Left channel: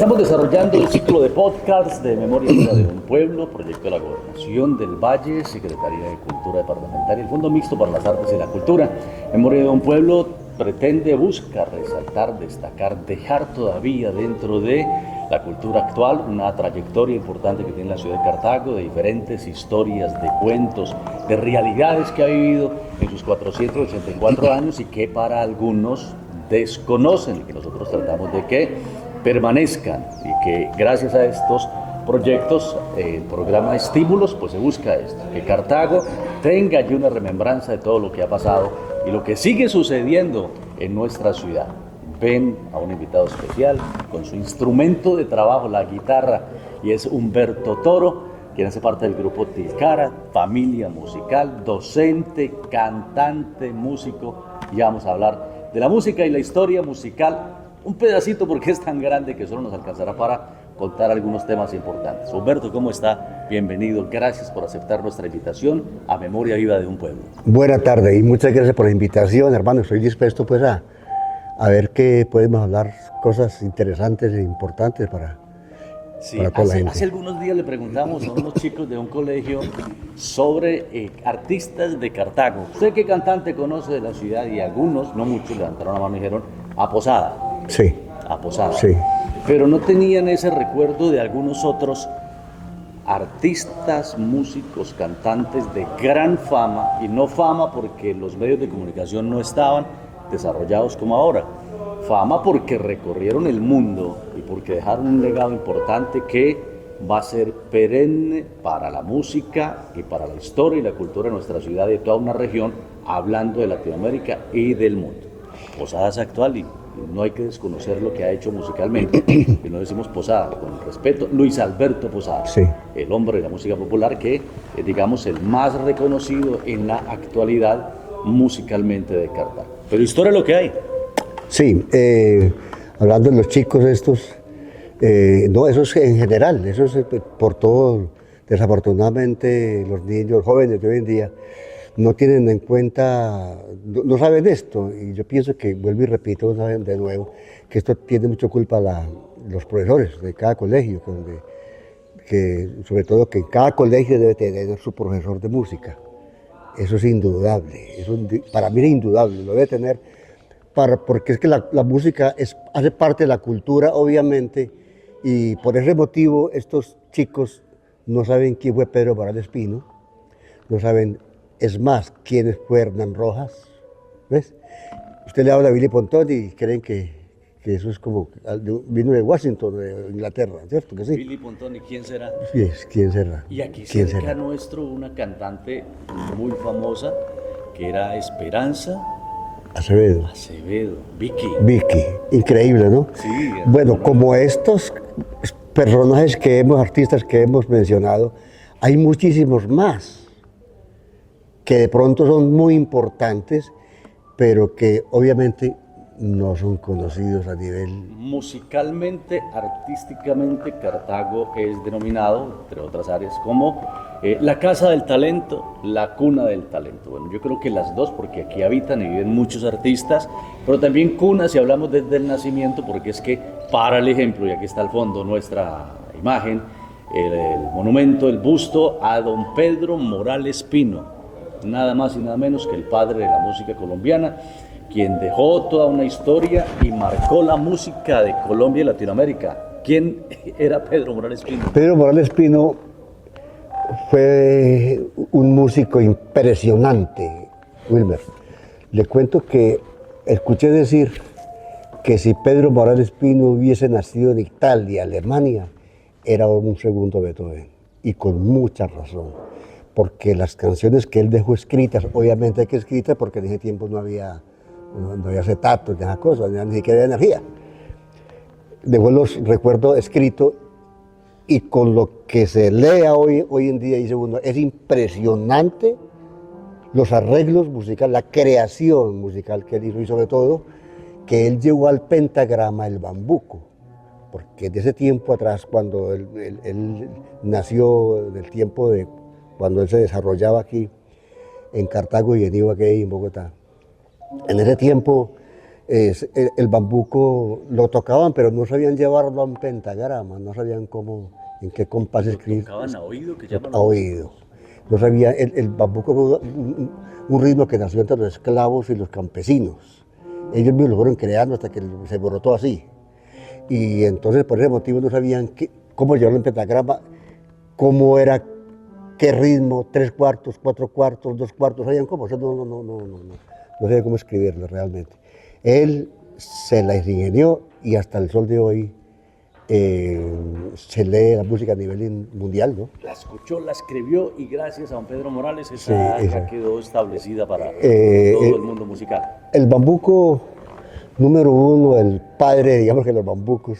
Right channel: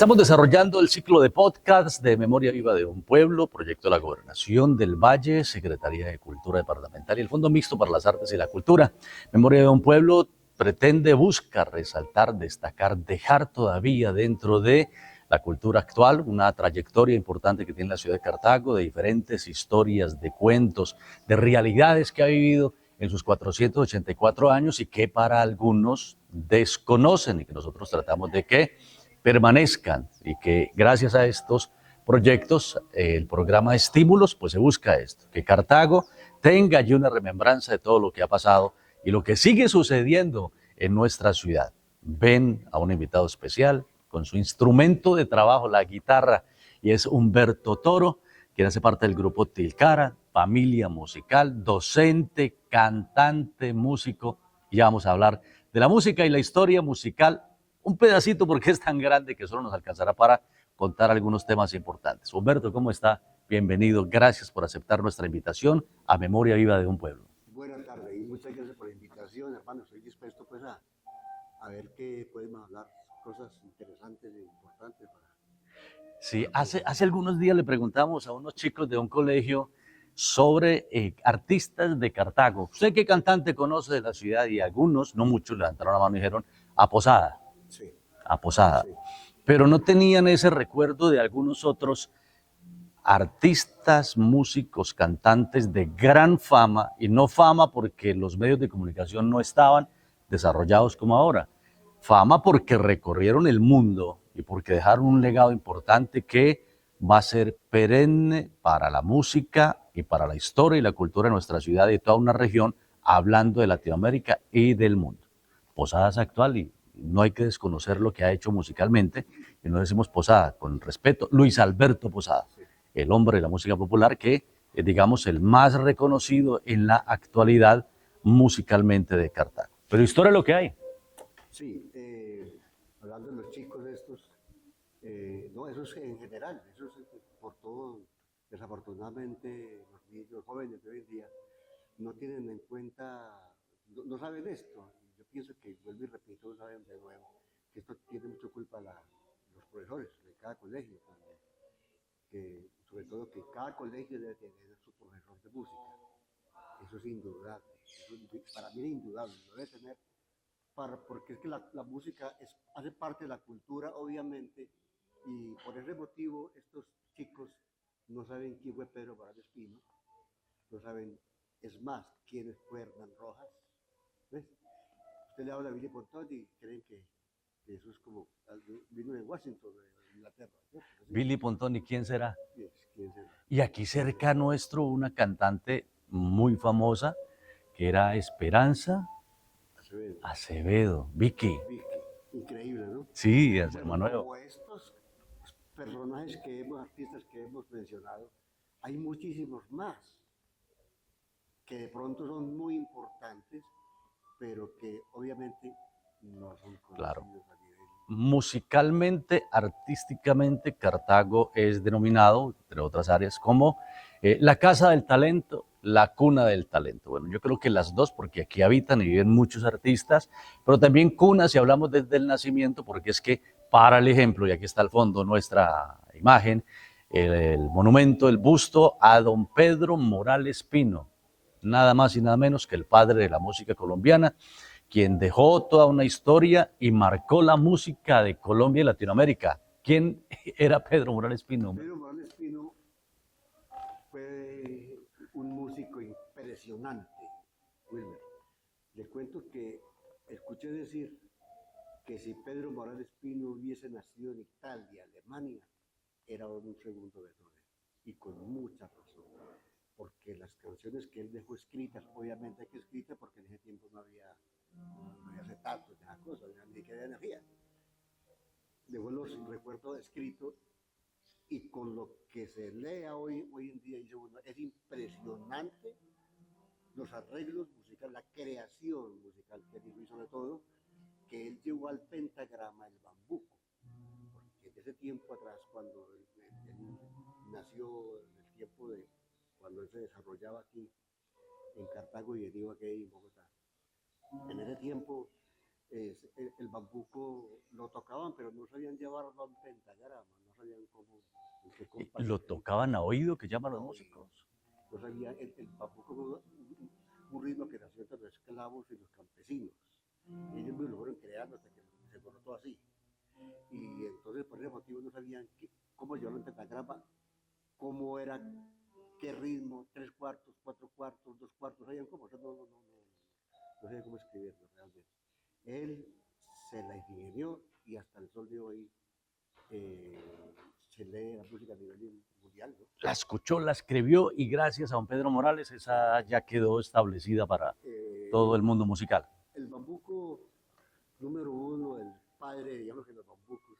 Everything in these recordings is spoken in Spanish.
Estamos desarrollando el ciclo de podcasts de Memoria Viva de un Pueblo, proyecto de la Gobernación del Valle, Secretaría de Cultura Departamental y el Fondo Mixto para las Artes y la Cultura. Memoria de un Pueblo busca resaltar, destacar, dejar todavía dentro de la cultura actual una trayectoria importante que tiene la ciudad de Cartago, de diferentes historias, de cuentos, de realidades que ha vivido en sus 484 años y que para algunos desconocen y que nosotros tratamos de que permanezcan y que gracias a estos proyectos, el programa Estímulos, pues se busca esto, que Cartago tenga allí una remembranza de todo lo que ha pasado y lo que sigue sucediendo en nuestra ciudad. Ven a un invitado especial con su instrumento de trabajo, la guitarra, y es Humberto Toro, quien hace parte del grupo Tilcara, familia musical, docente, cantante, músico. Y ya vamos a hablar de la música y la historia musical, un pedacito porque es tan grande que solo nos alcanzará para contar algunos temas importantes. Humberto, ¿cómo está? Bienvenido, gracias por aceptar nuestra invitación a Memoria Viva de un Pueblo. Buenas tardes y muchas gracias por la invitación, hermano. Estoy dispuesto pues a ver qué podemos hablar, cosas interesantes e importantes para toda la gente. Hace algunos días le preguntamos a unos chicos de un colegio sobre artistas de Cartago. ¿Usted qué cantante conoce de la ciudad? Y algunos, no muchos, levantaron la mano y dijeron a Posada. Sí. A Posada. Sí. Pero no tenían ese recuerdo de algunos otros artistas, músicos, cantantes de gran fama, y no fama porque los medios de comunicación no estaban desarrollados como ahora. Fama porque recorrieron el mundo y porque dejaron un legado importante que va a ser perenne para la música y para la historia y la cultura de nuestra ciudad y de toda una región, hablando de Latinoamérica y del mundo. Posada es actual y no hay que desconocer lo que ha hecho musicalmente, y no decimos Posada, con respeto, Luis Alberto Posada, sí, el hombre de la música popular que es, digamos, el más reconocido en la actualidad musicalmente de Cartago. Pero historia es lo que hay. Sí, hablando de los chicos estos, no, eso es en general, eso es por todo. Desafortunadamente los niños jóvenes de hoy en día no tienen en cuenta, no saben esto, y yo pienso que, vuelvo y repito, no saben de nuevo, que esto tiene mucha culpa los profesores de cada colegio, que sobre todo que cada colegio debe tener su profesor de música. Eso es indudable, eso para mí es indudable, lo debe tener, porque es que la música hace parte de la cultura, obviamente, y por ese motivo estos chicos no saben quién fue Pedro Morales Pino, no saben. Es más, ¿quién fue Hernán Rojas? ¿Ves? Usted le habla a Billy Pontón y creen que eso es como, vino de Washington, de Inglaterra, ¿cierto que sí? Billy Pontón, ¿y quién será? ¿Quién será? Y aquí cerca nuestro, una cantante muy famosa, que era Esperanza Acevedo, Vicky, increíble, ¿no? Sí. Bueno, como estos personajes artistas que hemos mencionado, hay muchísimos más que de pronto son muy importantes, pero que obviamente no son conocidos a nivel... Musicalmente, artísticamente, Cartago es denominado, entre otras áreas, como la casa del talento, la cuna del talento. Bueno, yo creo que las dos, porque aquí habitan y viven muchos artistas, pero también cuna si hablamos desde el nacimiento, porque es que, para el ejemplo, y aquí está al fondo nuestra imagen, el monumento, el busto a don Pedro Morales Pino, nada más y nada menos que el padre de la música colombiana, quien dejó toda una historia y marcó la música de Colombia y Latinoamérica. ¿Quién era Pedro Morales Pino? Pedro Morales Pino fue un músico impresionante, Wilmer. Le cuento que escuché decir que si Pedro Morales Pino hubiese nacido en Italia, Alemania, era un segundo Beethoven, y con mucha razón. Porque las canciones que él dejó escritas, obviamente hay que escritas porque en ese tiempo no había acetatos, ni esas cosas, ni siquiera había energía. Dejó los recuerdos escritos y con lo que se lea hoy en día, dice uno, es impresionante los arreglos musicales, la creación musical que él hizo y sobre todo que él llevó al pentagrama el bambuco. Porque de ese tiempo atrás, cuando él nació, del tiempo de cuando él se desarrollaba aquí en Cartago y en Ibagué y en Bogotá. En ese tiempo el bambuco lo tocaban, pero no sabían llevarlo a un pentagrama, no sabían cómo, en qué compás Lo escribir. tocaban a oído, que llaman A oído. No sabía, el bambuco fue un ritmo que nació entre los esclavos y los campesinos. Ellos mismos lo fueron creando hasta que se brotó así. Y entonces por ese motivo no sabían cómo llevarlo en pentagrama, cómo era, qué ritmo, 3/4, 4/4, 2/4, sabían cómo. O sea, no sabían cómo escribirlo realmente. Él se la ingenió y hasta el sol de hoy se lee la música a nivel mundial, ¿no? La escuchó, la escribió y gracias a don Pedro Morales esa Sí, ya quedó establecida para Eh, todo eh, el mundo musical. El bambuco número uno, el padre, digamos que los bambucos,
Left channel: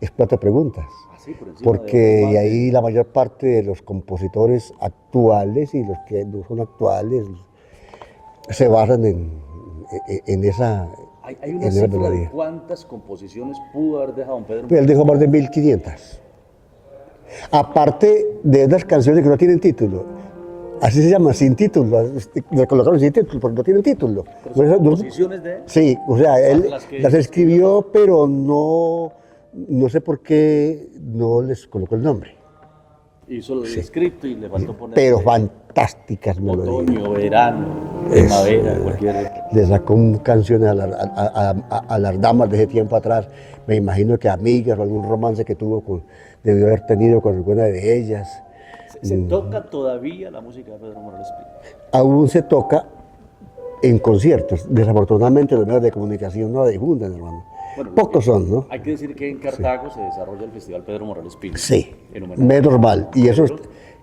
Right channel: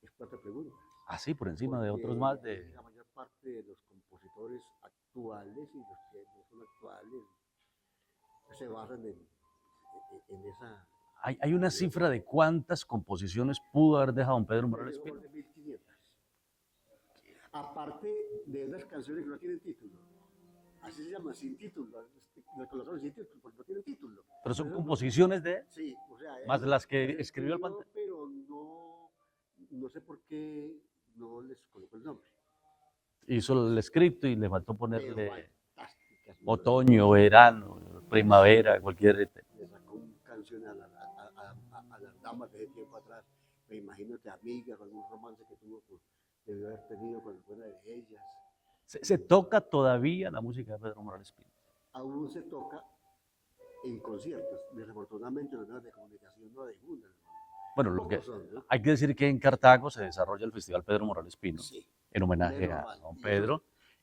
es Cuatro Preguntas. Así por encima Porque de otros más de ahí la mayor parte de los compositores actuales y los que no son actuales se basan en esa. Hay una en esa cifra de melodía. cuántas composiciones pudo haber dejado don Pedro Pues él Morales. dejó más de 1500. Aparte de unas canciones que no tienen título. Así se llama, sin título. Le colocaron sin título porque no tienen título. Pero son No- composiciones de él. Sí, o sea, él las que las escribió, pero no sé por qué no les colocó el nombre. Hizo el escrito y le faltó poner Pero fantásticas melodías. otoño, verano, primavera, cualquier. Le sacó canciones a las damas de ese tiempo atrás. Me imagino que amigas o algún romance que debió haber tenido con alguna de ellas. Se toca todavía la música de Pedro Morales Pinto. Aún se toca en conciertos. Desafortunadamente los medios de comunicación no difunden, hermano. Bueno, Pocos son, ¿no? Hay que decir que en Cartago se desarrolla el Festival Pedro Morales Pinto. Sí, En homenaje es normal. a Y eso Pedro,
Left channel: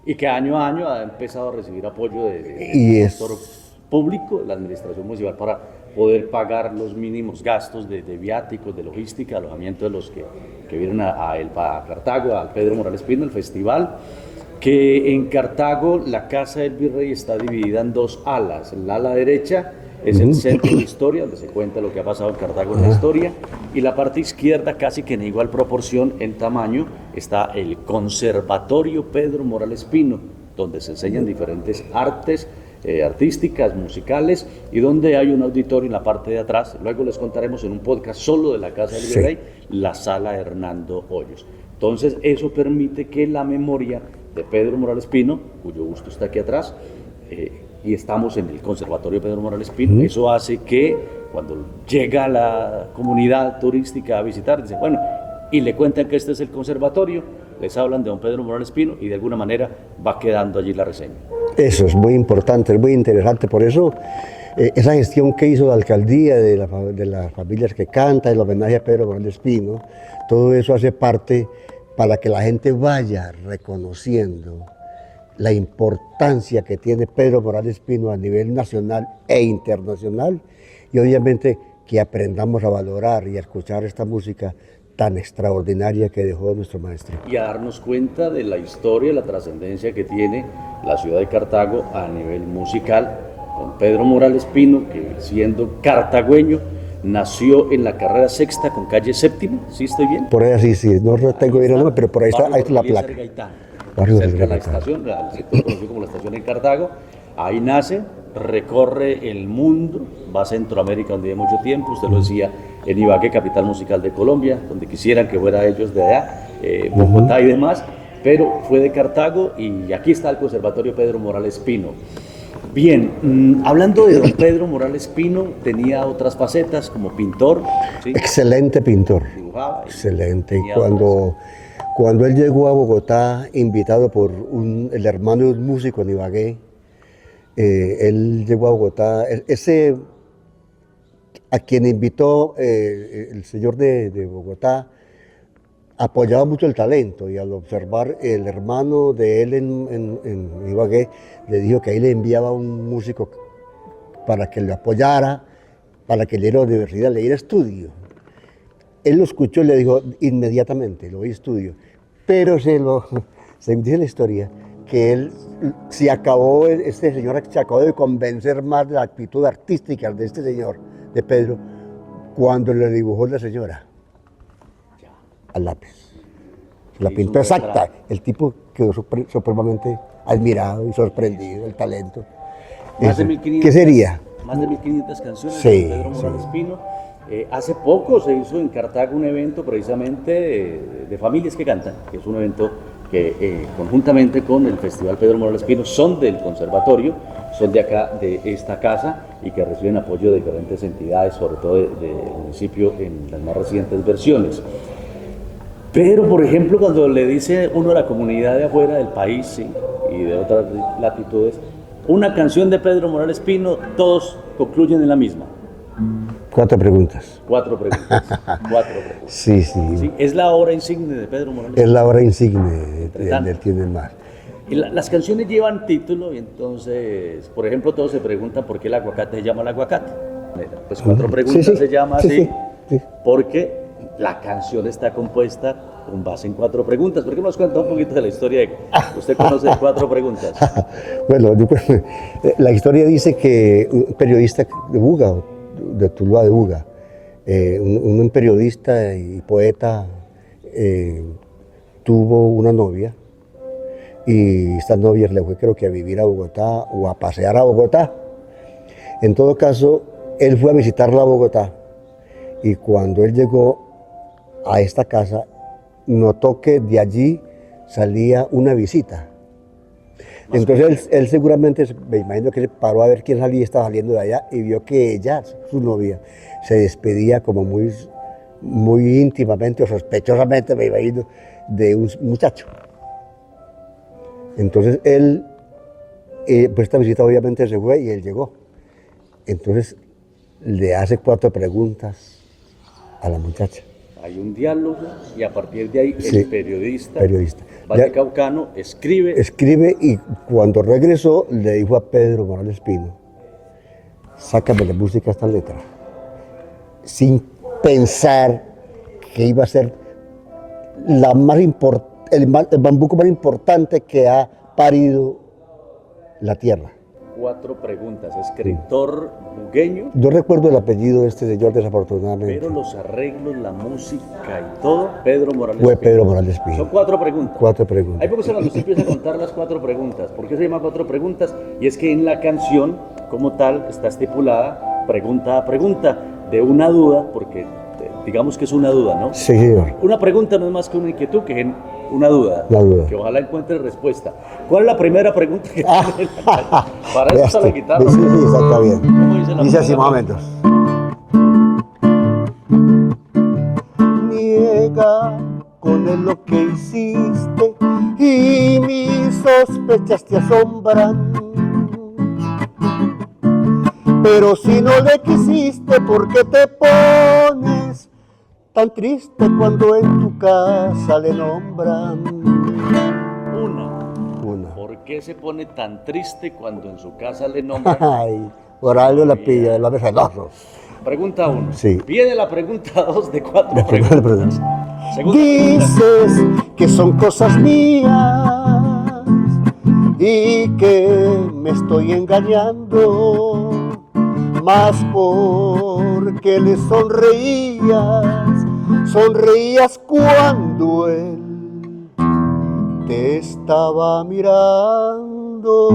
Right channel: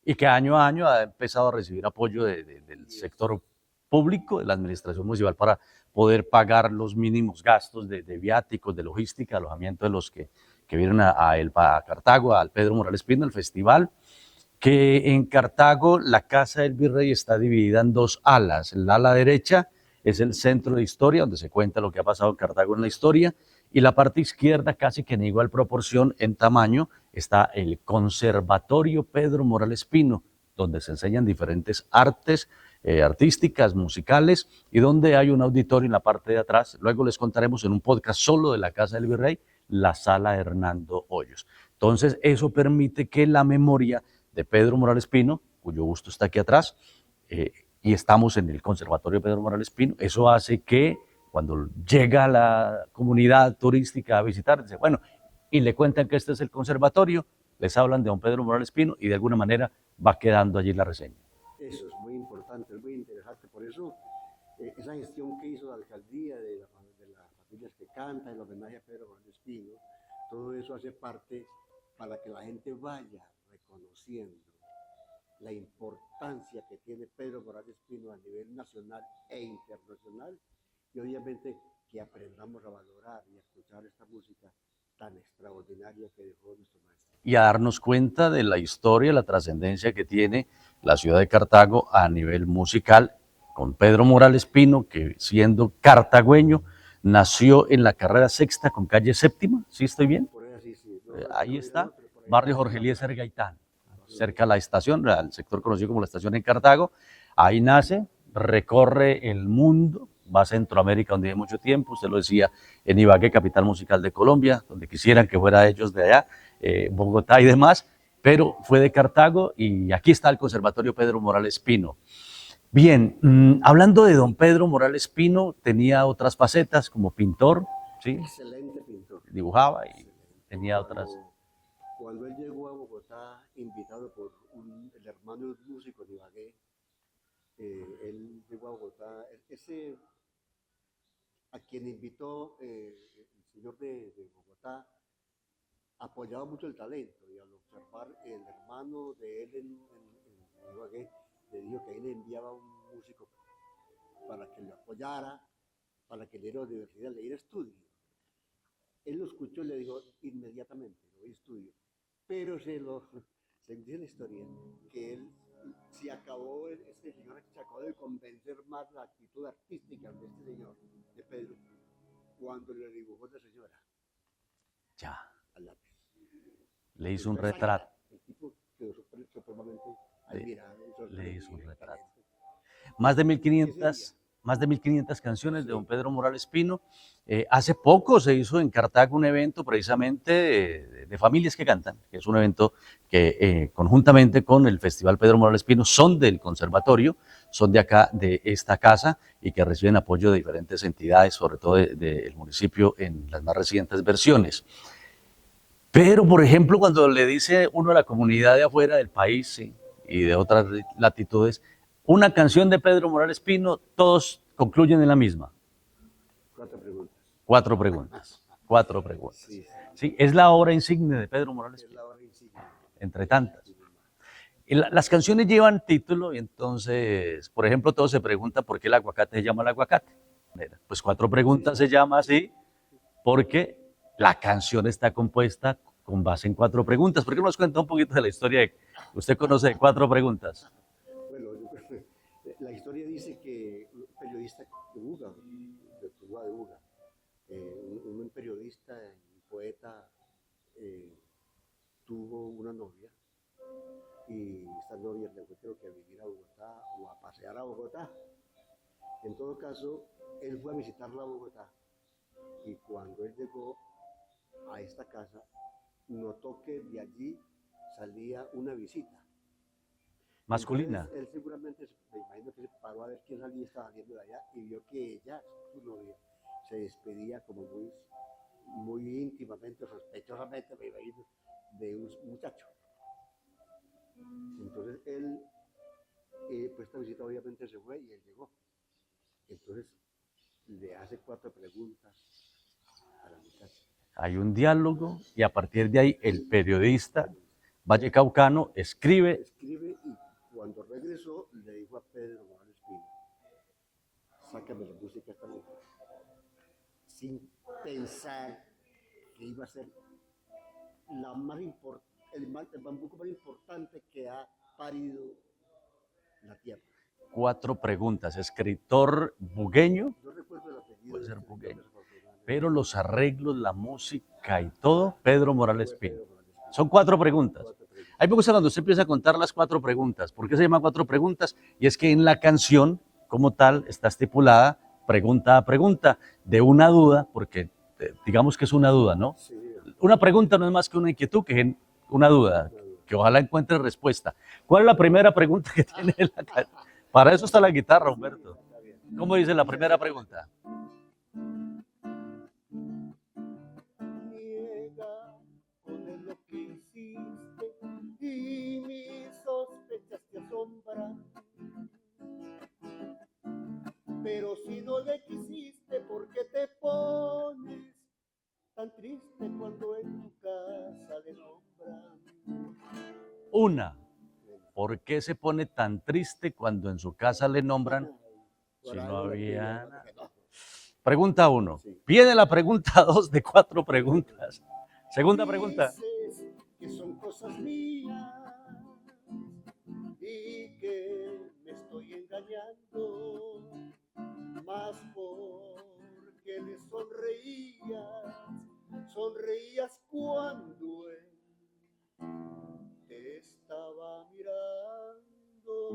y que año a año ha empezado a recibir apoyo Y del es- sector público, de la administración municipal, para poder pagar los mínimos gastos de viáticos, de logística, alojamiento de los que vienen a Cartago, al Pedro Morales Pinto, el festival. Que en Cartago la Casa del Virrey está dividida en dos alas. El ala derecha es el centro de historia, donde se cuenta lo que ha pasado en Cartago en la historia, y la parte izquierda, casi que en igual proporción en tamaño, está el Conservatorio Pedro Morales Pino, donde se enseñan diferentes artes artísticas, musicales, y donde hay un auditorio en la parte de atrás. Luego les contaremos en un podcast solo de la Casa del Virrey, la Sala Hernando Hoyos. Entonces, eso permite que la memoria de Pedro Morales Pino, cuyo busto está aquí atrás, y estamos en el Conservatorio Pedro Morales Pino, eso hace que cuando llega la comunidad turística a visitar, dice, bueno, y le cuentan que este es el conservatorio, les hablan de don Pedro Morales Pino y de alguna manera va quedando allí la reseña. Eso es muy importante, es muy interesante. Por eso, esa gestión que hizo la alcaldía de las familias que cantan, el homenaje a Pedro Morales Pino, todo eso hace parte para que la gente vaya reconociendo la importancia que tiene Pedro Morales Pino a nivel nacional e internacional, y obviamente que aprendamos a valorar y a escuchar esta música tan extraordinaria que dejó nuestro maestro. Y a darnos cuenta de la historia, la trascendencia que tiene la ciudad de Cartago a nivel musical, con Pedro Morales Pino, que siendo cartagüeño, nació en la carrera sexta con calle séptima, ¿sí estoy bien? Por ahí sí, no tengo bien el nombre, pero por ahí Barrio está la Jorge Eliezer placa. Gaitán, Barrio cerca de la Jorge Gaitán. estación, el sector conocido como la estación en Cartago. Ahí nace, recorre el mundo, va a Centroamérica donde vive mucho tiempo, usted lo decía, en Ibagué, capital musical de Colombia, donde quisieran que fuera ellos de allá, Bogotá y demás, pero fue de Cartago y aquí está el Conservatorio Pedro Morales Pino. Bien, hablando de don Pedro Morales Pino, tenía otras facetas como pintor, ¿sí? Excelente pintor. Dibujaba. Excelente. Y tenía otras. cuando él llegó a Bogotá, invitado por el hermano de un músico en Ibagué, él llegó a Bogotá, a quien invitó el señor de Bogotá, apoyaba mucho el talento, y al observar el hermano de él en Ibagué, le dijo que ahí le enviaba un músico para que lo apoyara, para que le diera universidad, le diera estudio. Él lo escuchó y le dijo inmediatamente, lo voy a estudio. Pero según dice la historia, que él este señor se acabó de convencer más de la actitud artística de este señor, de Pedro, cuando le dibujó la señora Ya. al lápiz. La Hizo pintó un exacta. retrato. El tipo quedó supremamente admirado y sorprendido del talento. Más de Eso. 1500. ¿Qué sería? más de 1.500 canciones Sí, de Pedro Morales sí. Pino. Hace poco se hizo en Cartago un evento precisamente de familias que cantan, que es un evento que conjuntamente con el Festival Pedro Morales Pino son del conservatorio, son de acá, de esta casa, y que reciben apoyo de diferentes entidades, sobre todo del municipio en las más recientes versiones. Pero, por ejemplo, cuando le dice uno a la comunidad de afuera del país, sí, y de otras latitudes, una canción de Pedro Morales Pino, todos concluyen en la misma. 4 preguntas. 4 preguntas. 4 preguntas. Sí, sí. Sí, es la obra insignia de Pedro Morales Es Pino. la obra insigne Entre tanto. del Tiene Mar. Y las canciones llevan título, y entonces, por ejemplo, todo se pregunta por qué el aguacate se llama el aguacate. Pues 4 preguntas Sí, sí. se llama Sí, así, sí, sí. porque la canción está compuesta con base en 4 preguntas. ¿Por qué no nos cuenta un poquito de la historia que usted conoce de 4 preguntas? Bueno, la historia dice que un periodista de Buga, de Tuluá de Buga, un periodista y poeta tuvo una novia, y esta novia le fue, creo que a vivir a Bogotá o a pasear a Bogotá. En todo caso, él fue a visitarla a Bogotá, y cuando él llegó a esta casa, notó que de allí salía una visita. Entonces él seguramente, me imagino que se paró a ver quién salía, estaba saliendo de allá, y vio que ella, su novia, se despedía como muy íntimamente o sospechosamente, me imagino, de un muchacho. Entonces él, pues esta visita obviamente se fue y él llegó. Entonces le hace 4 preguntas a la muchacha. Hay un diálogo y a partir de ahí Sí, el periodista periodista. vallecaucano escribe. Escribe, y cuando regresó le dijo a Pedro Morales Pino: sácame la música a esta letra, sin pensar que iba a ser el bambuco más importante que ha parido la tierra. 4 preguntas, escritor bugueño, Yo recuerdo el apellido de este señor, desafortunadamente. pero los arreglos, la música y todo, Pedro Morales Fue Pino. Pedro Morales Pino. Son 4 preguntas. 4 preguntas. Ahí me gusta cuando usted empieza a contar las 4 preguntas. ¿Por qué se llama 4 preguntas? Y es que en la canción, como tal, está estipulada pregunta a pregunta, de una duda, porque digamos que es una duda, ¿no? Sí, señor. Una pregunta no es más que una inquietud, que es una duda, La duda. que ojalá encuentre respuesta. ¿Cuál es la primera pregunta que tiene la canción? Para eso está la guitarra. Sí, sí, está bien. ¿Cómo dice la Dice así primera más o menos. Niega con él lo que hiciste, y mis sospechas te asombran. Pero si no le quisiste, ¿por qué te pones tan triste cuando en tu casa le nombran? Una. ¿Por qué se pone tan triste cuando en su casa le nombran? Ay, por algo la pilla, el hombre celoso. Pregunta 1. Sí. Viene la pregunta 2 de 4 La primera preguntas. pregunta. Segunda pregunta. Dices que son cosas mías y que me estoy engañando, más porque le sonreías cuando él te estaba mirando.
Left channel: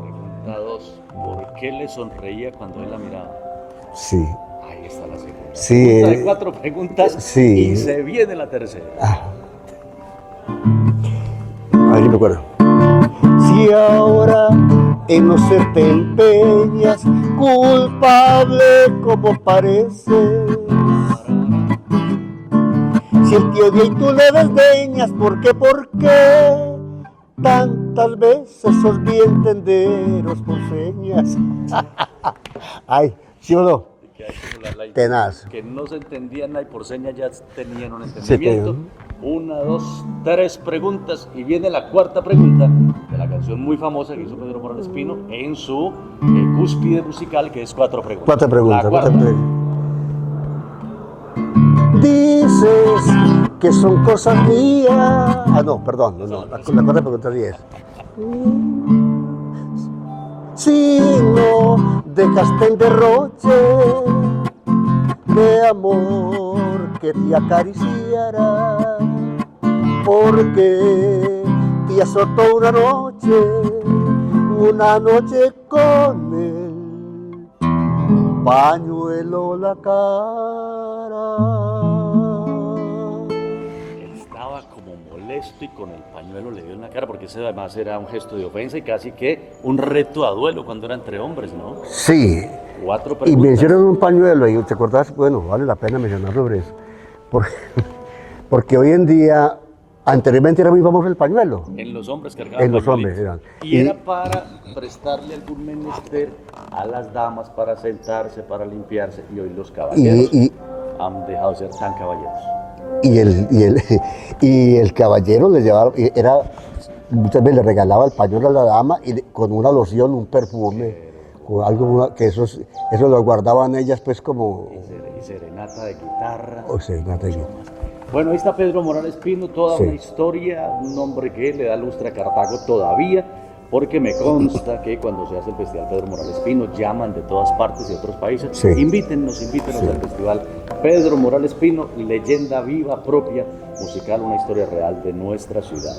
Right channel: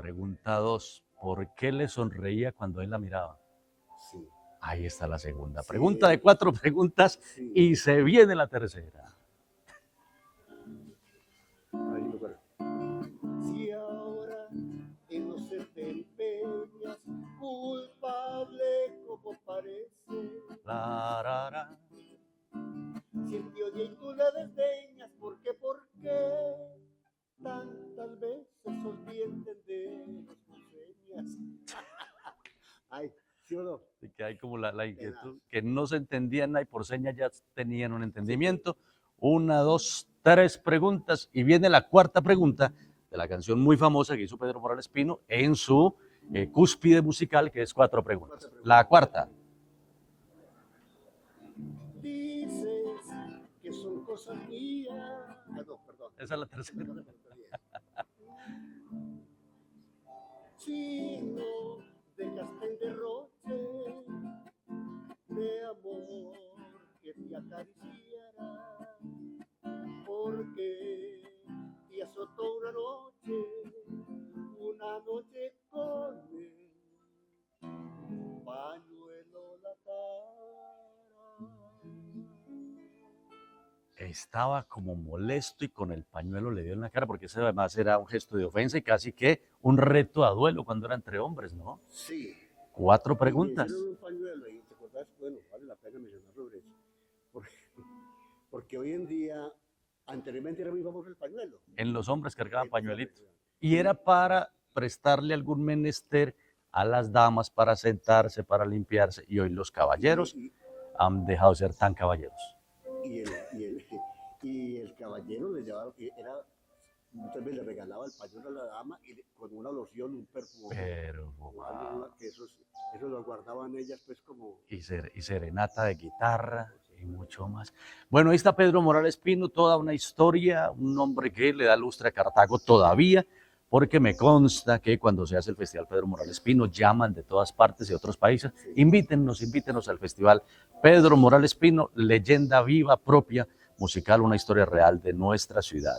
Pregunta 2. ¿Por qué le sonreía cuando él la miraba? Sí. Ahí está la segunda. Sí, Pregunta de 4 preguntas, sí. y se viene la tercera. A ver si me acuerdo. Si ahora en no ser te empeñas, culpable como pareces, si él te odia y tú le desdeñas, ¿por qué tantas veces sos bien tenderos por señas? Ay, ¿sí o no? Que hay como Tenaz. que no se entendían nada y por señas ya tenían un entendimiento. Sí, 1, 2, 3 preguntas, y viene la 4ª pregunta de la canción muy famosa que hizo Pedro Morales Pino en su cúspide musical, que es 4 preguntas. 4 preguntas. La 4ª. Dices que son cosas mías. Ah, no, perdón. No, la 4ª pregunta sí es: si no dejaste el derroche de amor que te acariciara, porque te azotó una noche una noche con él, pañuelo la cara. Estaba como molesto y con el pañuelo le dio en la cara, porque ese además era un gesto de ofensa y casi que un reto a duelo cuando era entre hombres, ¿no? Sí, 4 y preguntas. me hicieron un pañuelo y te acordás, bueno, vale la pena mencionar sobre eso, porque hoy en día, anteriormente era muy famoso el pañuelo. En los hombres cargaban En los pañuelitos. hombres, eran. Y era para prestarle algún menester a las damas para sentarse, para limpiarse. Y hoy los caballeros han dejado de ser tan caballeros. Y el caballero le llevaba, muchas veces le regalaba el pañuelo a la dama y con una loción, un perfume, con algo que eso lo guardaban ellas pues como... Y serenata de guitarra. O serenata de mucho guitarra. más. Bueno, ahí está Pedro Morales Pino, toda Sí. una historia, un hombre que le da lustre a Cartago todavía, porque me consta que cuando se hace el Festival Pedro Morales Pino llaman de todas partes y de otros países. Sí. Invítennos Sí. al Festival Pedro Morales Pino, leyenda viva, propia, musical, una historia real de nuestra ciudad.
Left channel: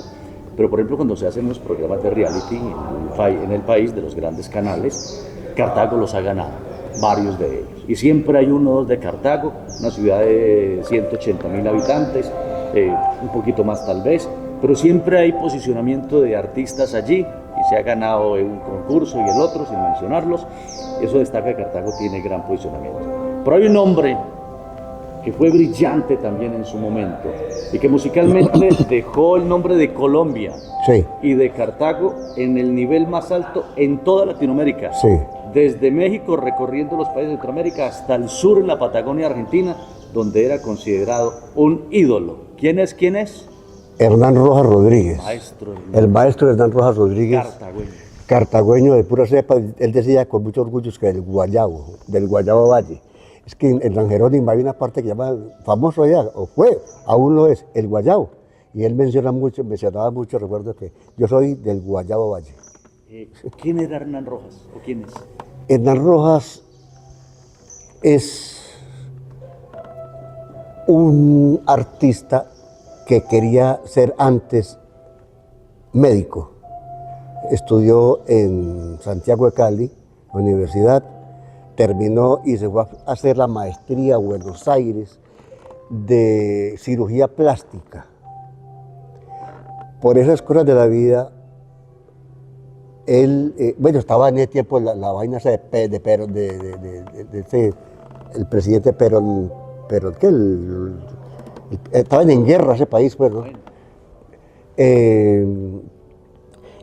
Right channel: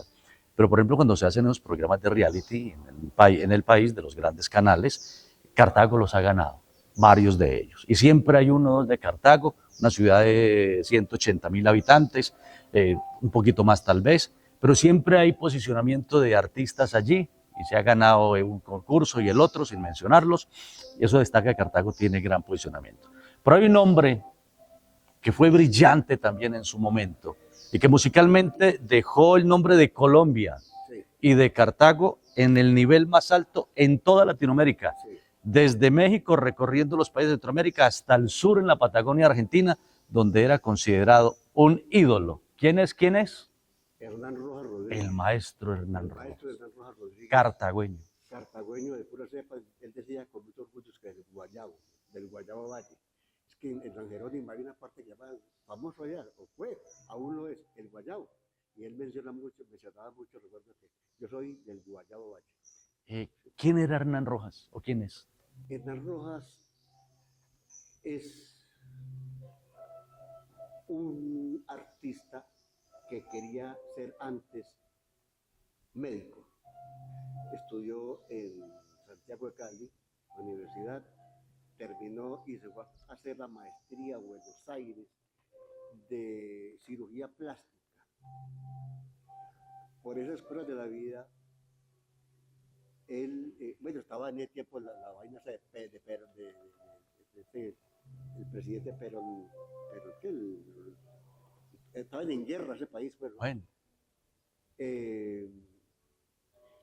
Pero por ejemplo, cuando se hacen los programas de reality en el país, de los grandes canales, Cartago los ha ganado, varios de ellos. Y siempre hay uno o dos de Cartago, una ciudad de 180.000 habitantes, un poquito más tal vez, pero siempre hay posicionamiento de artistas allí y se ha ganado un concurso y el otro, sin mencionarlos. Eso destaca que Cartago tiene gran posicionamiento. Pero hay un hombre que fue brillante también en su momento y que musicalmente dejó el nombre de Colombia Sí, y de Cartago en el nivel más alto en toda Latinoamérica. sí. Desde México, recorriendo los países de Centroamérica, hasta el sur en la Patagonia Argentina, donde era considerado un ídolo. ¿Quién es? ¿Quién es? Hernán Rojas Rodríguez. Maestro El maestro Hernán Rojas Rodríguez. cartagüeño. Cartagüeño de pura cepa, él decía con mucho orgullo que del Guayabo Valle. Es que en San Jerónimo hay una parte que llama, famoso allá, o fue, aún lo es, el Guayabo. Y él mencionaba mucho, recuerdo que yo soy del Guayabo Valle. ¿Quién era Hernán Rojas? ¿O quién es? Hernán Rojas es un artista que quería ser antes médico. Estudió en Santiago de Cali, la universidad, terminó y se fue a hacer la maestría a Buenos Aires de cirugía plástica. Por esas cosas de la vida, él, bueno, estaba en ese tiempo la vaina esa de Perón, el presidente Perón, estaban en guerra ese país, pues, ¿no? Bueno,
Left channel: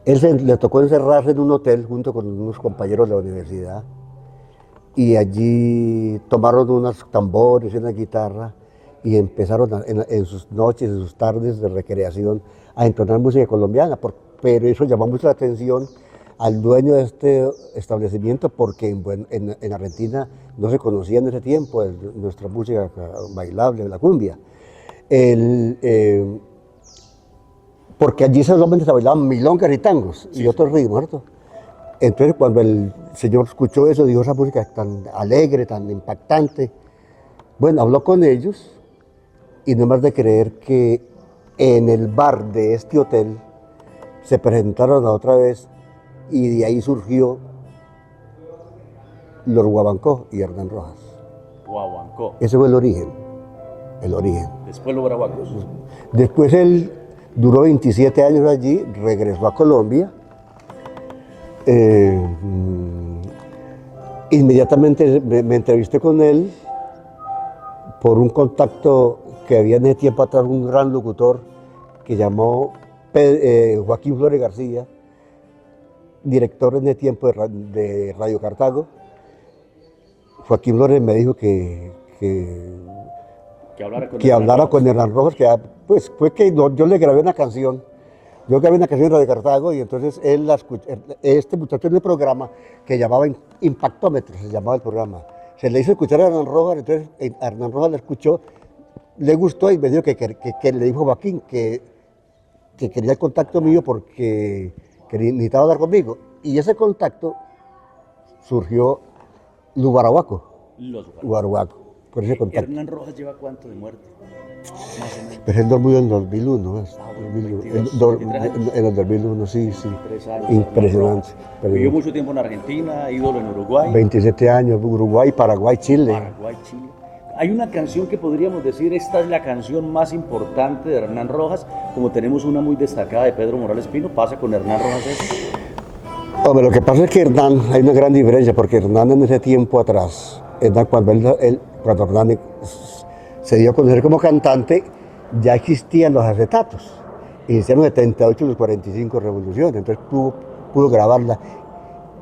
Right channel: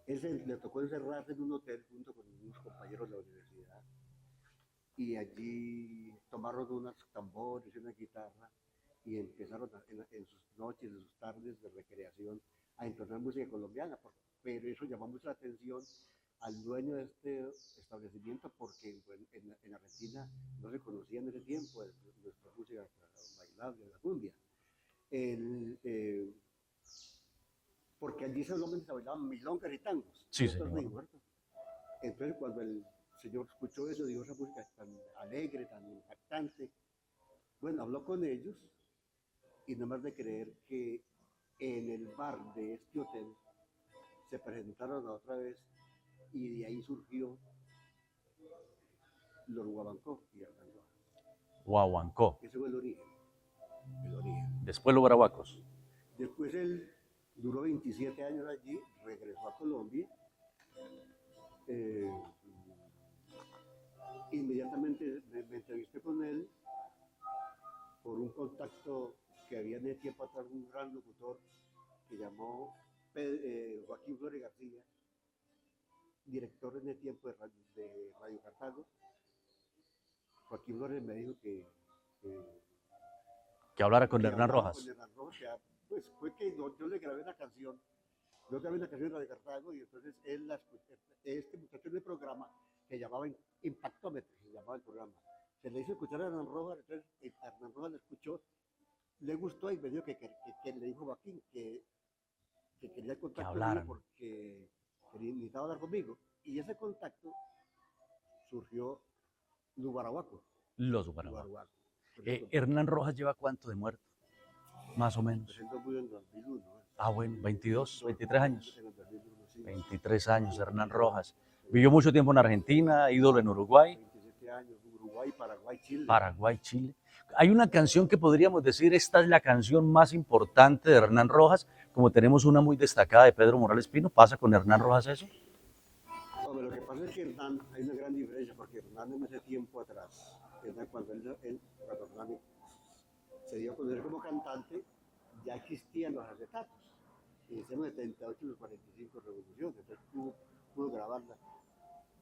Le tocó encerrarse en un hotel junto con unos compañeros de la universidad y allí tomaron unos tambores y una guitarra y empezaron en sus noches, en sus tardes de recreación a entonar música colombiana, pero eso llamó mucho la atención al dueño de este establecimiento porque en Argentina no se conocía en ese tiempo nuestra música bailable, la cumbia. Porque allí solamente se bailaban milongas y tangos y otros ritmos, ¿cierto? Entonces cuando el señor escuchó eso, dijo, esa música es tan alegre, tan impactante. Bueno, habló con ellos y no es más de creer que en el bar de este hotel se presentaron otra vez y de ahí surgió los Guabancó y Hernán Rojas. Guaguancó. Ese fue el origen, el origen. Después los brahuacos. Después él duró 27 años allí, regresó a Colombia. Inmediatamente me entrevisté con él por un contacto que había en ese tiempo atrás, un gran locutor que llamó Joaquín Flores García, director en ese tiempo de Radio Cartago. Joaquín Flores me dijo que hablara con Hernán Rojas, pues fue que yo le grabé una canción. Yo grabé una canción en Radio Cartago y entonces él la escuchó. Este muchacho en el programa que llamaba Impactómetro, se llamaba el programa. Se le hizo escuchar a Hernán Rojas, entonces Hernán Rojas la escuchó, le gustó y me dijo que le dijo a Joaquín que quería el contacto mío porque necesitaba hablar conmigo. Y ese contacto surgió Los Guarahuaco, por ese contacto. ¿Hernán Rojas lleva cuánto de muerte? Más o menos. Pero él murió en 2001. ¿no? Ah, bueno, 2001. 23 años. En el 2001, sí, sí. 23 años, Impresionante. Hernán Rojas. Vivió mucho tiempo en Argentina, ídolo en Uruguay, 27 años, Uruguay, Paraguay, Chile. Paraguay, Chile. Hay una canción que podríamos decir, esta es la canción más importante de Hernán Rojas, como tenemos una muy destacada de Pedro Morales Pino, pasa con Hernán Rojas eso. Hombre, lo que pasa es que Hernán, hay una gran diferencia, porque Hernán en ese tiempo atrás, cuando Hernán se dio a conocer como cantante, ya existían los acetatos. Iniciaron en 78 los 45 revoluciones, entonces pudo grabarla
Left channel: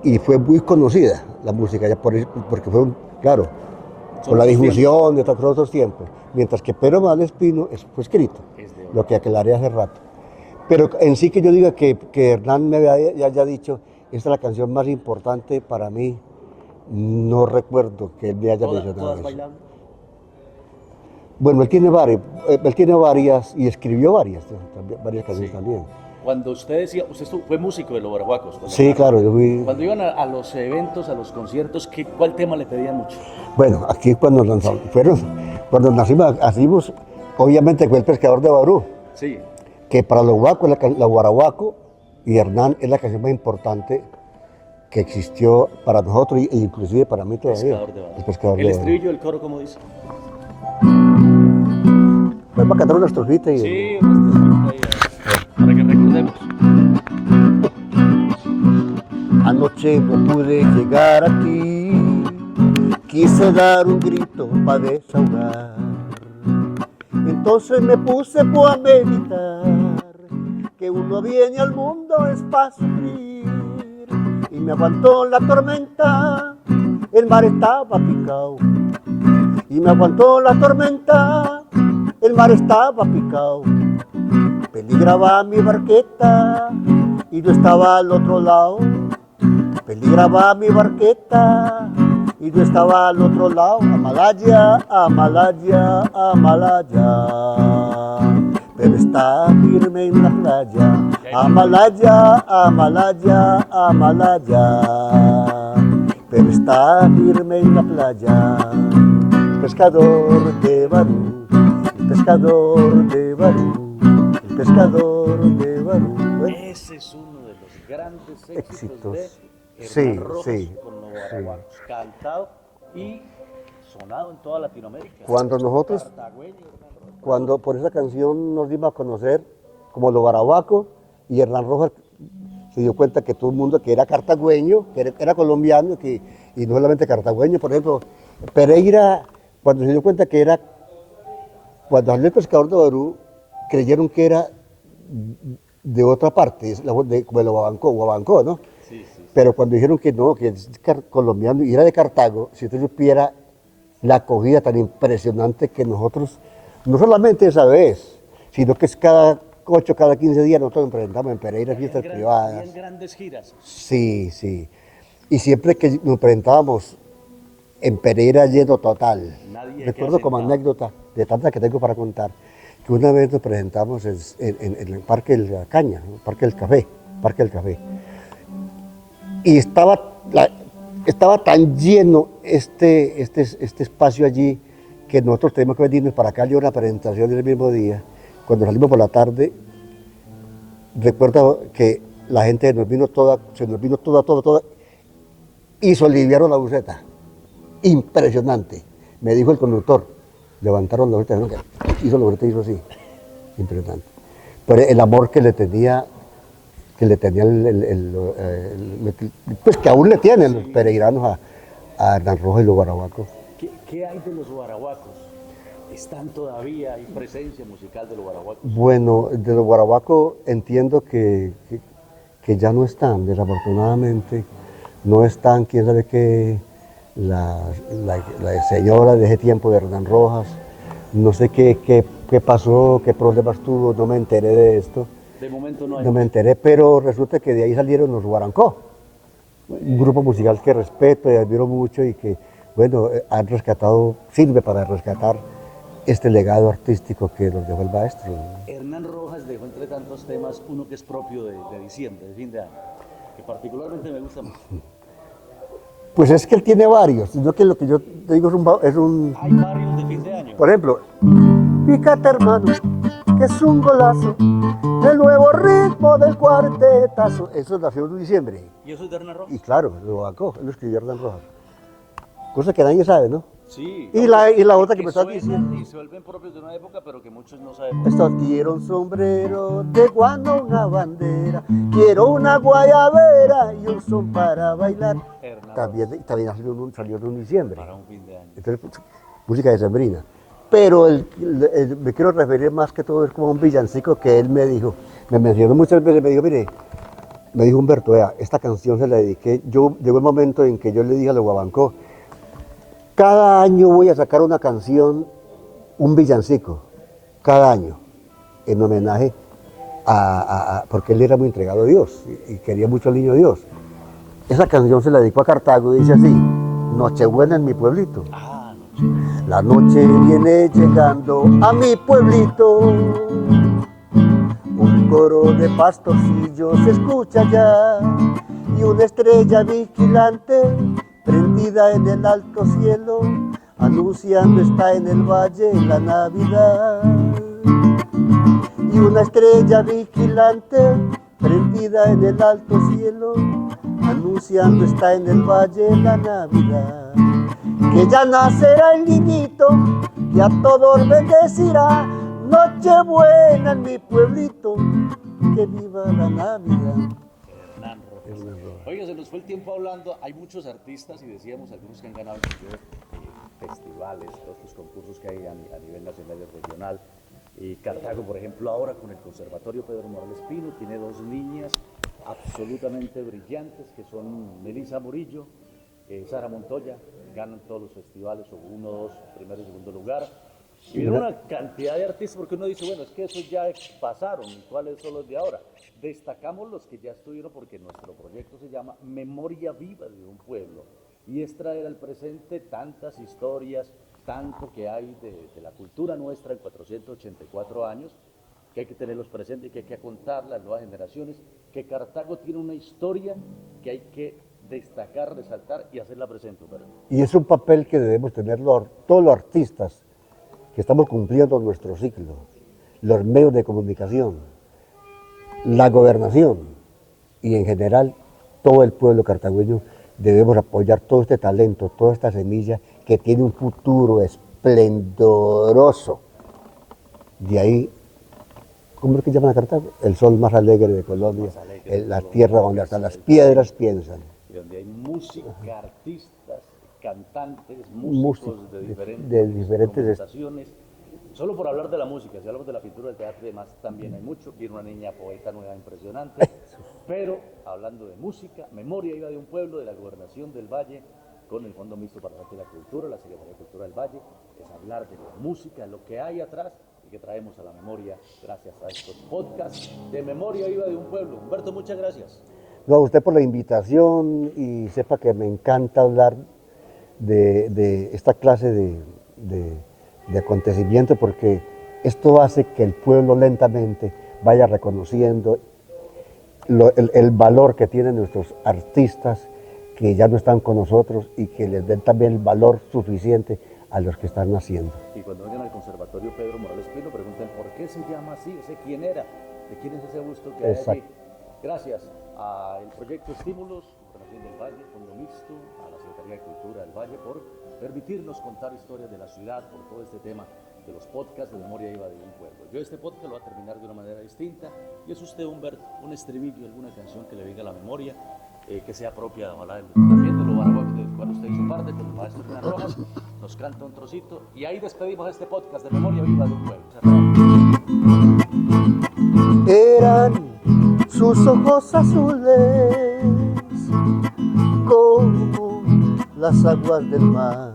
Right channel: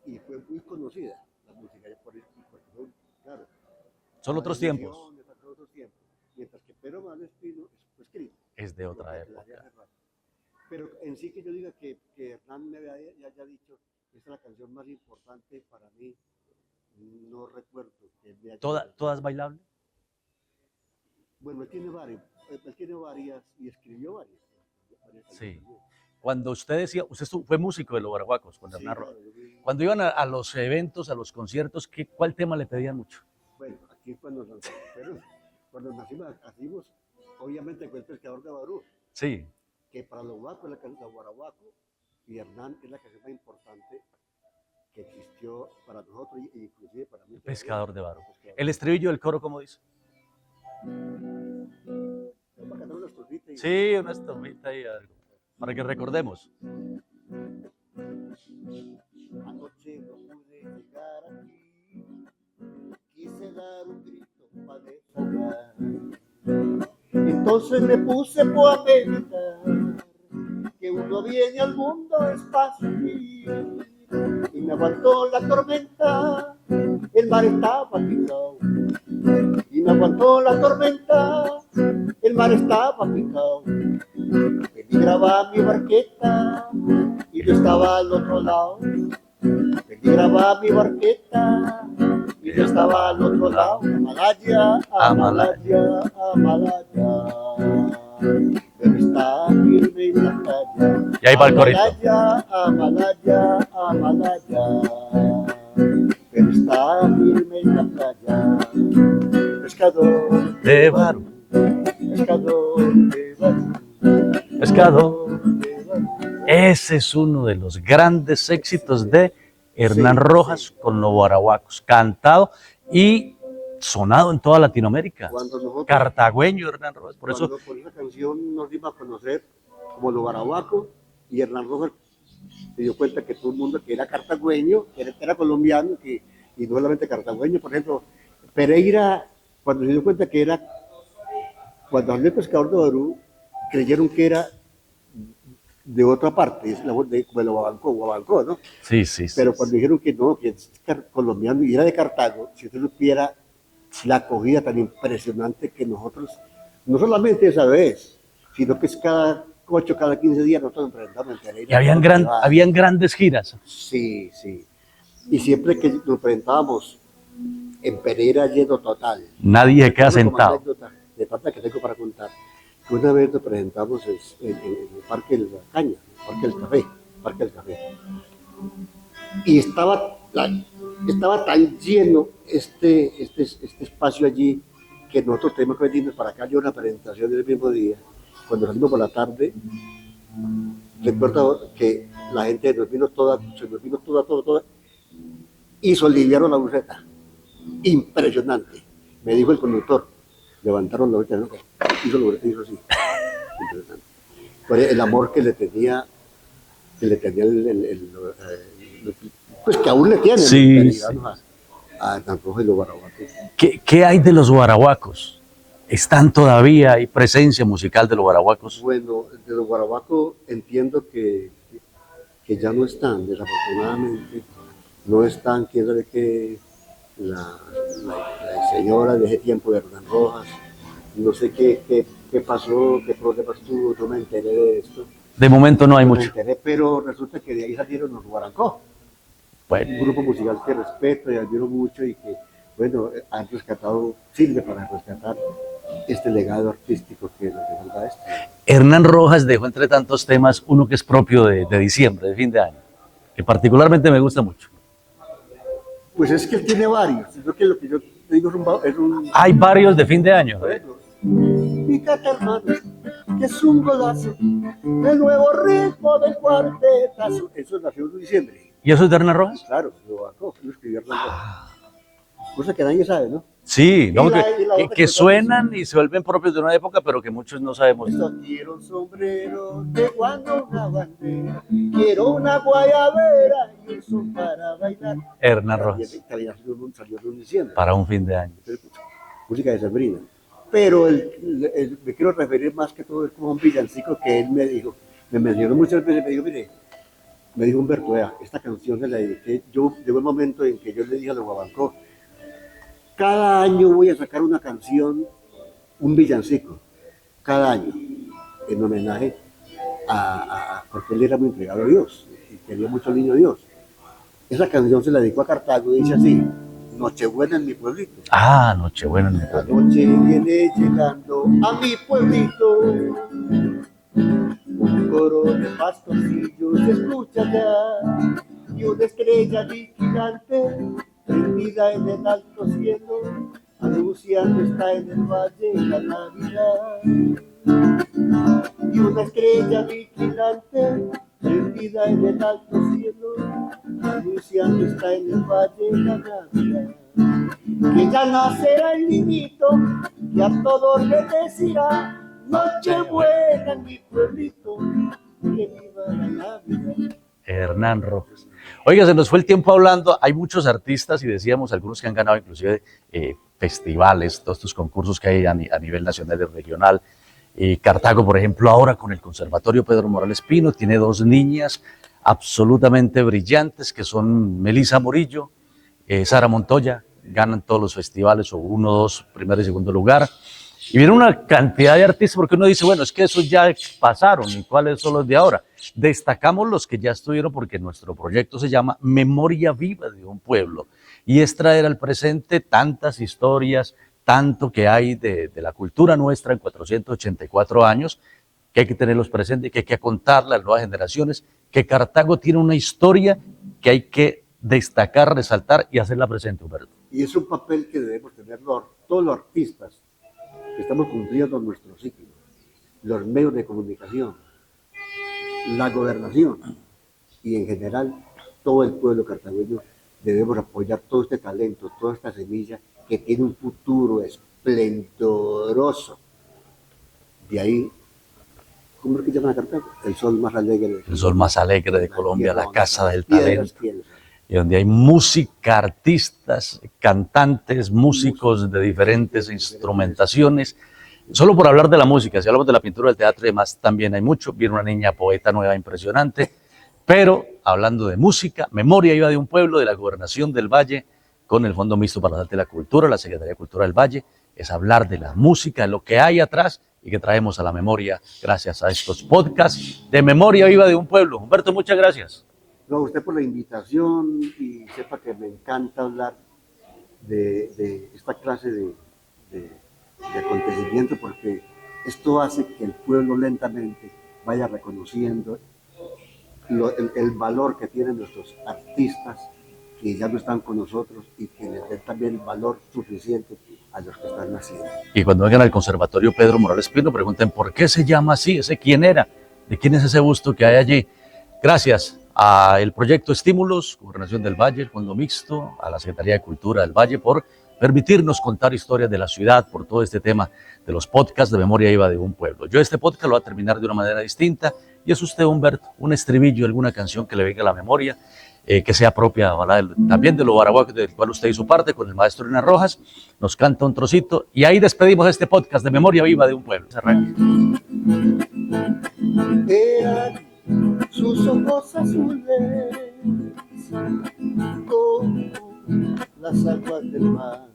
y fue muy conocida la música, ya porque fue, claro, por la difusión de otros tiempos. Mientras que Pedro Morales Pino fue escrito, lo que aclaré hace rato. Pero en sí que yo diga que Hernán me haya dicho, esta es la canción más importante para mí, no recuerdo que él me haya mencionado ¿Todas eso. bailables? Bueno, él tiene varias y escribió varias canciones también. Cuando usted decía, fue músico de los Guaraguacos. Sí, claro, yo fui. Cuando iban a los eventos, a los conciertos, ¿cuál tema le pedían mucho? Bueno, aquí cuando nacimos, obviamente fue El Pescador de Barú. Sí. Que para los guacos, la Guaraguaco y Hernán es la canción más importante que existió para nosotros e inclusive para mí todavía. Pescador de Barú. El Pescador El de estribillo del coro, ¿cómo dice? Pues para cantar una estrofita y... Sí, una estrofita ahí, para que recordemos. Anoche no pude llegar a ti, quise dar un grito para desahogar. Entonces me puse a meditar, que uno viene al mundo es para sufrir. Y me aguantó la tormenta, el mar estaba picado. Y me aguantó la tormenta, el mar estaba picado. Peligraba mi barqueta y yo estaba al otro lado. Peligraba mi barqueta y yo estaba al otro lado. Amalaya, Amalaya, Amalaya. Pero está firme en la playa. Amalaya, Amalaya, Amalaya. Pero está firme en la playa. Pescador de Barú, pescador de Barú, pescador de Barú. Ese es uno de los grandes éxitos de Hernán Rojas con los Guaraguacos, cantado y sonado en toda Latinoamérica. Cuando nosotros, cartagüeño Hernán Rojas. Por esa canción nos dimos a conocer como los Guaraguacos y Hernán Rojas se dio cuenta que todo el mundo que era cartagüeño, que era colombiano y no solamente cartagüeño, por ejemplo, Pereira, cuando se dio cuenta que era, cuando salió El Pescador de Barú, creyeron que era de otra parte, como de Guabancó, ¿no? Sí, sí. Pero cuando dijeron que no, que es colombiano y era de Cartago, si usted supiera la acogida tan impresionante que nosotros, no solamente esa vez, sino que es cada 8, cada 15 días nosotros nos presentamos en Pereira. Y habían grandes giras. Sí, sí. Y siempre que nos presentábamos en Pereira lleno total. Nadie se queda como sentado. anécdota de tantas que tengo para contar, que una vez nos presentamos en el Parque de la Caña, el Parque del Café. Y estaba tan lleno este espacio allí que nosotros tenemos que venirnos para acá y una presentación el mismo día. Cuando salimos por la tarde, recuerdo que la gente se nos vino toda, y soliviaron la buceta. Impresionante. Me dijo el conductor, levantaron la buceta, hizo la buceta y hizo así. Impresionante. Por el amor que le tenía pues que aún le tienen los peregrinos a Hernán Rojas y los Guaraguacos. ¿Qué hay de los Guaraguacos? ¿Están todavía, hay presencia musical de los Guaraguacos? Bueno, de los Guaraguacos entiendo que ya no están, desafortunadamente. No están, quién sabe qué, la señora de ese tiempo de Hernán Rojas. No sé qué pasó, qué problemas tuvo, no me enteré de esto. De momento no hay mucho. Me enteré, pero resulta que de ahí salieron los Guarancó. Bueno. Un grupo musical que respeto y admiro mucho y que, bueno, sirve para rescatar este legado artístico que nos dejó el maestro. Hernán Rojas dejó entre tantos temas uno que es propio de diciembre, de fin de año, que particularmente me gusta mucho. Pues es que él tiene varios, sino que lo que yo te digo es un... Hay varios de fin de año. Por ejemplo, Fíjate, hermano, que es un golazo, el nuevo ritmo del cuartetazo. Eso nació en diciembre. ¿Y eso es de Hernán Y Rojas? claro, lo bancó, lo escribió Hernán Rojas. Cosa que nadie sabe, ¿no? Sí, Y no, la otra que me estás suenan diciendo. y se vuelven propios de una época, pero que muchos no sabemos. Esto, quiero un sombrero de guano, una bandera, quiero una guayabera y un son para bailar. Hernán Rojas, También salió en diciembre. para un fin de año. Entonces, pues, música decembrina. Pero me quiero referir más que todo es como un villancico que él me dijo, me mencionó muchas veces, me dijo, mire, me dijo Humberto, vea, esta canción se la dediqué, llegó el momento en que yo le dije a los Guabancó, cada año voy a sacar una canción, un villancico, cada año, en homenaje porque él era muy entregado a Dios y quería mucho al niño Dios. Esa canción se la dedicó a Cartago y dice así, Nochebuena en mi pueblito. Ah, Nochebuena. La noche viene llegando a mi pueblito, un coro de pastorcillos se escucha ya y una estrella vigilante prendida en el alto cielo, anunciando está en el valle la Navidad. Y una estrella vigilante prendida en el alto cielo, anunciando está en el valle la Navidad. Que ya nacerá el niñito, que a todos bendecirá, Nochebuena en mi pueblito, que viva la Navidad. Hernán Rojas. Oiga, se nos fue el tiempo hablando. Hay muchos artistas y decíamos algunos que han ganado inclusive festivales, todos estos concursos que hay a nivel nacional y regional. Cartago, por ejemplo, ahora con el Conservatorio Pedro Morales Pino, tiene dos niñas absolutamente brillantes que son Melissa Morillo, Sara Montoya, ganan todos los festivales, o uno, dos, primero y segundo lugar. Y viene una cantidad de artistas, porque uno dice, bueno, es que esos ya pasaron, ¿y cuáles son los de ahora? Destacamos los que ya estuvieron, porque nuestro proyecto se llama Memoria Viva de un Pueblo, y es traer al presente tantas historias, tanto que hay de la cultura nuestra en 484 años, que hay que tenerlos presentes, que hay que contarle a las nuevas generaciones, que Cartago tiene una historia que hay que destacar, resaltar y hacerla presente, Humberto. Y es un papel que debemos tener todos los artistas que estamos cumpliendo nuestro ciclo, los medios de comunicación, la gobernación y en general todo el pueblo cartagüeño. Debemos apoyar todo este talento, toda esta semilla que tiene un futuro esplendoroso. De ahí, ¿cómo es que llaman a Cartago? El sol más alegre de Colombia. El sol más alegre de Colombia, la casa del piedras talento. Piensan. Y donde hay música, artistas, cantantes, músicos de diferentes instrumentaciones. Solo por hablar de la música, si hablamos de la pintura, del teatro y demás, también hay mucho. Viene una niña poeta nueva impresionante. Pero hablando de música, Memoria Viva de un Pueblo, de la Gobernación del Valle, con el Fondo Mixto para las Artes de la Cultura, la Secretaría de Cultura del Valle, es hablar de la música, de lo que hay atrás y que traemos a la memoria gracias a estos podcasts de Memoria Viva de un Pueblo. Humberto, muchas gracias. No, a usted por la invitación y sepa que me encanta hablar de esta clase de acontecimientos porque esto hace que el pueblo lentamente vaya reconociendo el valor que tienen nuestros artistas que ya no están con nosotros y que les den también el valor suficiente a los que están naciendo. Y cuando vengan al Conservatorio Pedro Morales Pino, pregunten por qué se llama así, ese quién era, de quién es ese busto que hay allí. Gracias al proyecto Estímulos, Gobernación del Valle, el Fondo Mixto, a la Secretaría de Cultura del Valle por permitirnos contar historias de la ciudad, por todo este tema de los podcasts de Memoria Viva de un Pueblo. Yo este podcast lo voy a terminar de una manera distinta y es usted, Humberto, un estribillo, alguna canción que le venga a la memoria, que sea propia también de lo baraguá del cual usted hizo parte con el maestro Hernán Rojas, nos canta un trocito y ahí despedimos este podcast de Memoria Viva de un Pueblo. Eran sus ojos azules como las aguas del mar,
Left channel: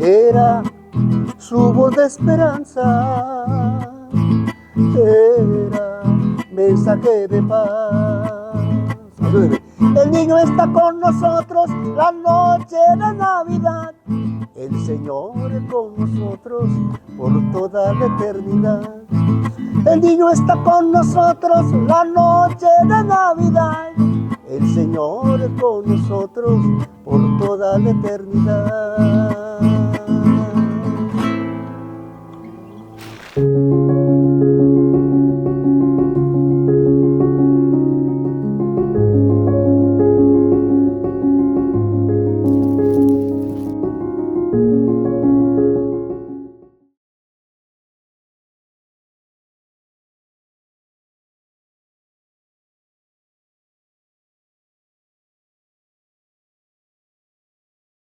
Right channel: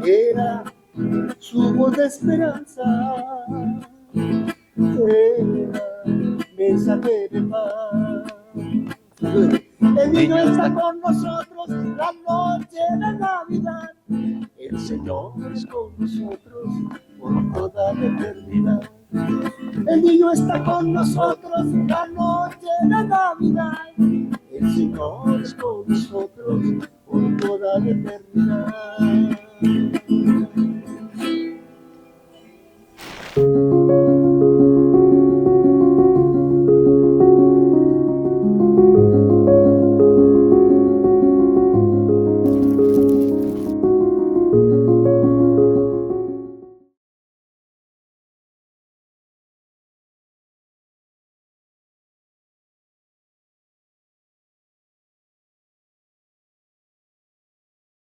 era su voz de esperanza, era mensaje de paz. El niño está con nosotros la noche de Navidad, el Señor es con nosotros por toda la eternidad. El niño está con nosotros la noche de Navidad, el Señor es con nosotros por toda la eternidad. Chao.